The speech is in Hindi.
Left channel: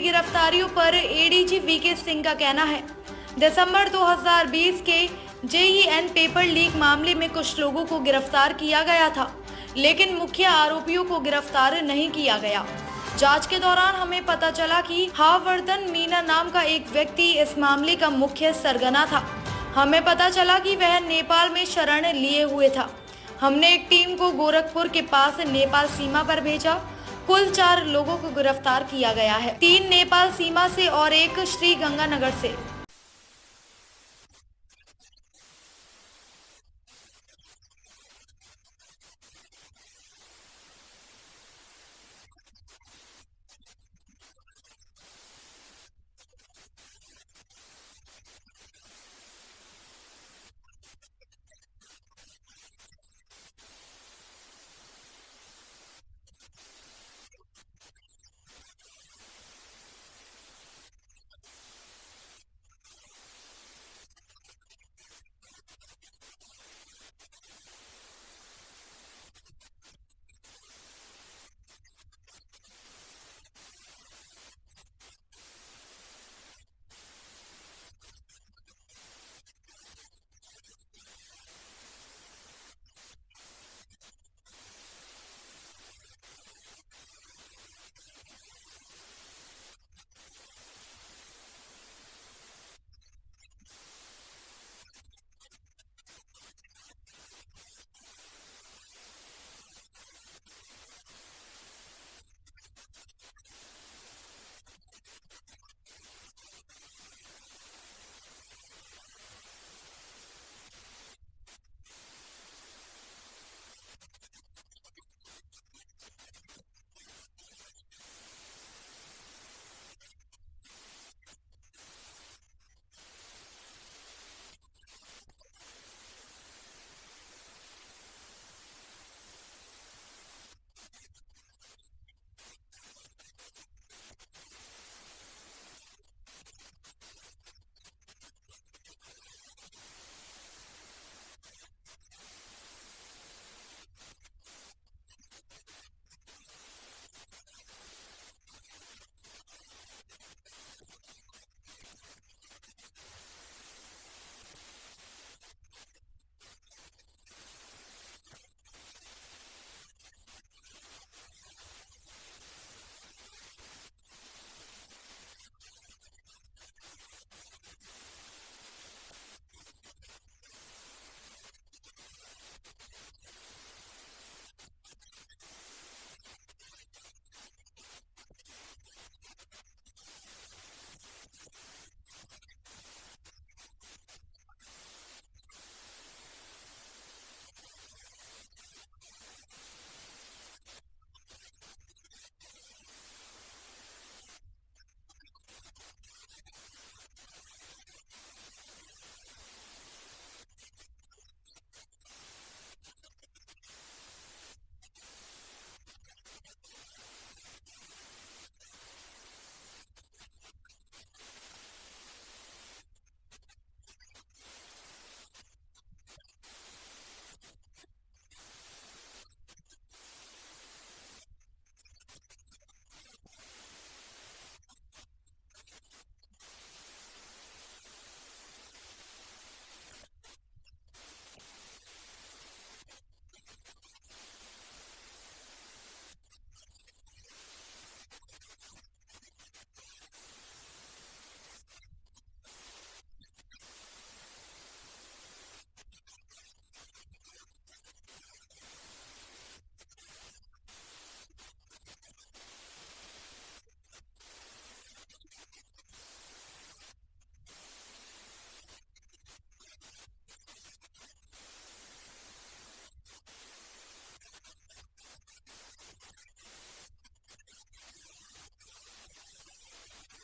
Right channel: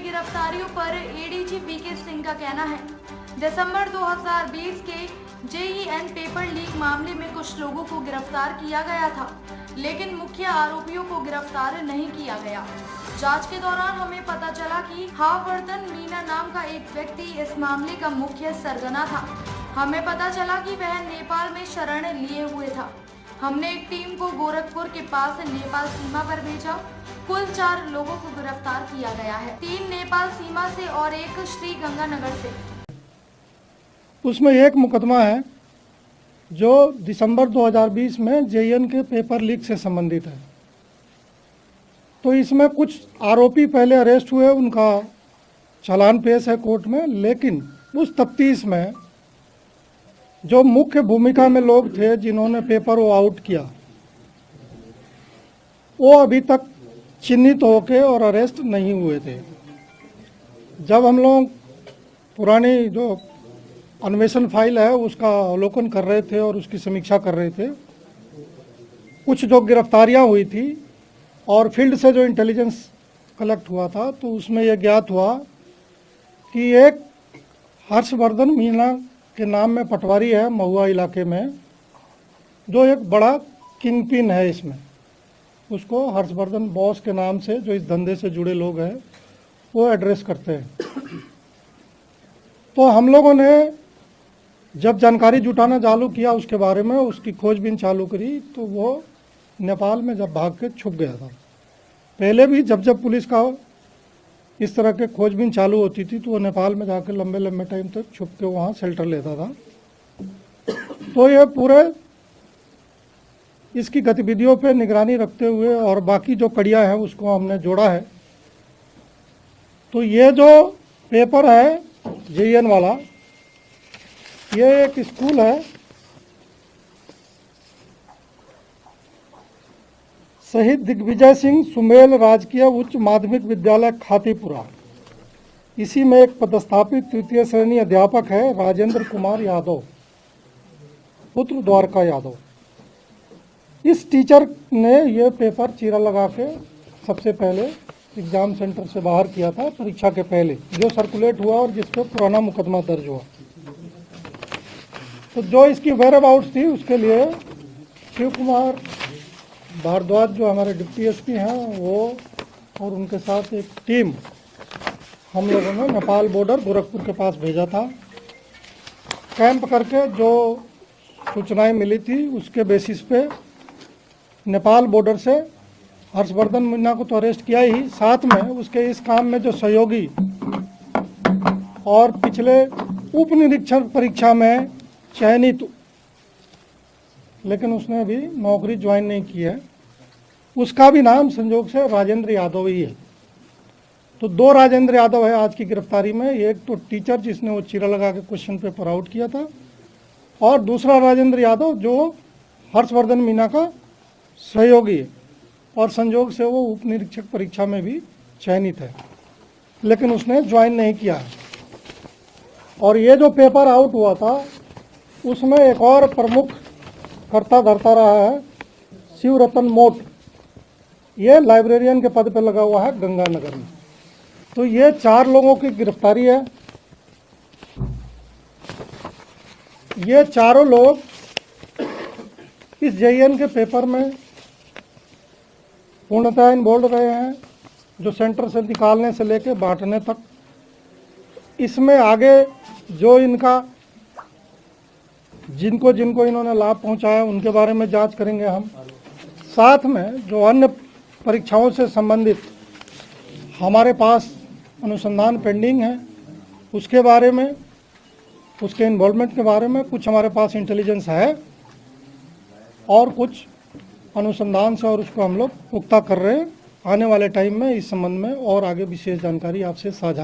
गिरफ्तारियों पर एडीजी वीके सिंह का कहना है, दिसंबर 2020 के जेईएन पेपर लीक मामले में कुछ लोगों को गिरफ्तार किया गया था, लेकिन मुख्य आरोपियों को गिरफ्तार नहीं किया गया। जांच के दौरान हमें पता चला कि हावर्धन मीना नाम का एक व्यक्ति इस मामले का मुख्य सरगना था। हमें पता चला कि वह नेपाल में शरण लिए हुए था। हमने एक टीम को गोरखपुर के पास नेपाल सीमा पर भेजा। कुल 4 लोगों को गिरफ्तार किया गया है, 3 नेपाल सीमा से और 1 श्री गंगानगर से। उसमें एक मुकदमा है जो दिसंबर 2020 में जेईएन के पेपर लीक से संबंधित है। तो इसमें कुछ आरोपी पहले अरेस्ट हुए, उनका चालान पेश है कोर्ट में, लेकिन उस तफ्तीश में जो मुख्य भूमिका में लोग थे जिन्होंने पेपर वो आउट किया, वो अभी तक चिन्हित होके और अरेस्ट नहीं हुए थे। जब हम लोग पुरानी जो अन्वेषण फाइल है उसका अवलोकन कर रहे थे और उसकी समीक्षा कर रहे थे, कुछ जो गिरफ्तारियां हुई थी और फील्ड से जो इंटेलिजेंस कलेक्ट हुआ था, तो उसमें यह ज्ञात हुआ कि एक हर्षवर्धन मीना के नाम में पटवारी है महुआ इलाके में, जो एक बड़ा किंग पिन है। इसमें उसको हर्षवर्धन बॉस के नाम से जो इस धंधे से जुड़े लोग हैं वो एड्रेस करते हैं। तो हम लोगों ने जब जानकारी जुटाना चालू किया उसके बारे में, उसकी खोजबीन चालू करी, तो वो नेपाल में जब भाग के छुप गया था। पहले भी जब पुलिस का इस तरह के खोजबीन चालू होती थी तो वो नेपाल में जाकर लंबे लंबे टाइम तक छुप के वहाँ शेल्टर लेता था। तो ये पूरे इसकी गतिविधियों पे निगरानी रखते हुए और बाकी जो कड़ियाँ हैं उसको हमने जोड़ा है। तो ये जो पेपर है जेईएन वाला, ये एक स्कूल है, शहीद दिग्विजय सिंह सुमेल राजकीय उच्च माध्यमिक विद्यालय खातीपुरा। इसी में एक पदस्थापित तृतीय श्रेणी अध्यापक है राजेंद्र कुमार यादव, पुत्र द्वारका यादव। इस टीचर ने ये पेपर चीरा लगा के सबसे पहले एग्जाम सेंटर से बाहर किया था, परीक्षा के पहले, जो सर्कुलेट हुआ और जिस पर पुराना मुकदमा दर्ज हुआ। तो जो इसकी वेयर अबाउट्स थी उसके लिए शिव कुमार भारद्वाज जो हमारे डिप्टी एसपी हैं वो और उनके साथ एक टीम हम लोगों ने नेपाल बॉर्डर गोरखपुर के पास भेजा था। कैंप करके जो सूचनाएं मिली थी उसके बेसिस पे नेपाल बॉर्डर से हर्षवर्धन मीना को तो अरेस्ट किया ही, साथ में उसके इस काम में जो सहयोगी और पिछले उप निरीक्षक परीक्षा में चयनित, लेकिन उसने अभी नौकरी ज्वाइन नहीं की है, उसका भी नाम संयोग से राजेंद्र यादव ही है। तो 2 राजेंद्र यादव है आज की गिरफ्तारी में। एक तो टीचर जिसने वो चीरा लगा के क्वेश्चन पेपर आउट किया था, और दूसरा राजेंद्र यादव जो हर्षवर्धन मीना का सहयोगी है और संयोग से वो उप निरीक्षक परीक्षा में भी चयनित है, लेकिन उसने ज्वाइन नहीं किया है। और ये जो पेपर आउट हुआ था उसमें एक और प्रमुख कर्ता धरता रहा है शिवरतन मोट, ये लाइब्रेरियन के पद पर लगा हुआ है गंगानगर में। तो ये 4 लोगों की गिरफ्तारी है। ये चारों लोग इस जेईएन के पेपर में पूर्णतः इन्वॉल्व रहे हैं, जो सेंटर से निकालने से लेके बांटने तक। इसमें आगे जो इनका जिनको इन्होंने लाभ पहुंचाया उनके बारे में जांच करेंगे हम। साथ में जो अन्य परीक्षाओं से संबंधित हमारे पास अनुसंधान पेंडिंग है उसके बारे में, उसके इन्वॉल्वमेंट के बारे में कुछ हमारे पास इंटेलिजेंस है और कुछ अनुसंधान से, और उसको हम लोग पुख्ता कर रहे हैं। आने वाले टाइम में इस संबंध में और आगे विशेष जानकारी आपसे साझा